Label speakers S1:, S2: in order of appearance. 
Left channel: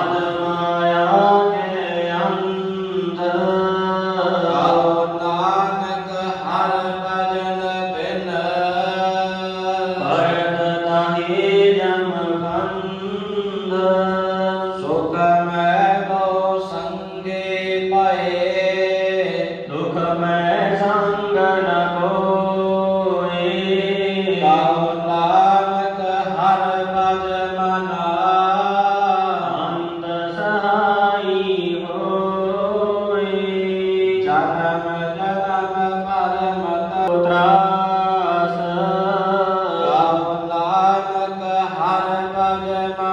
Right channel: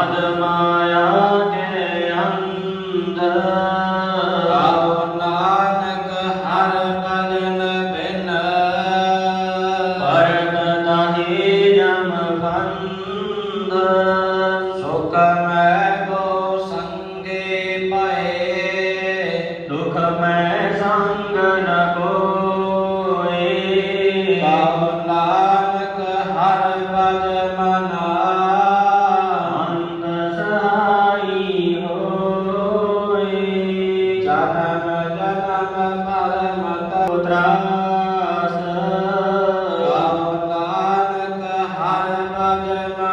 S1: Adama. Thank you.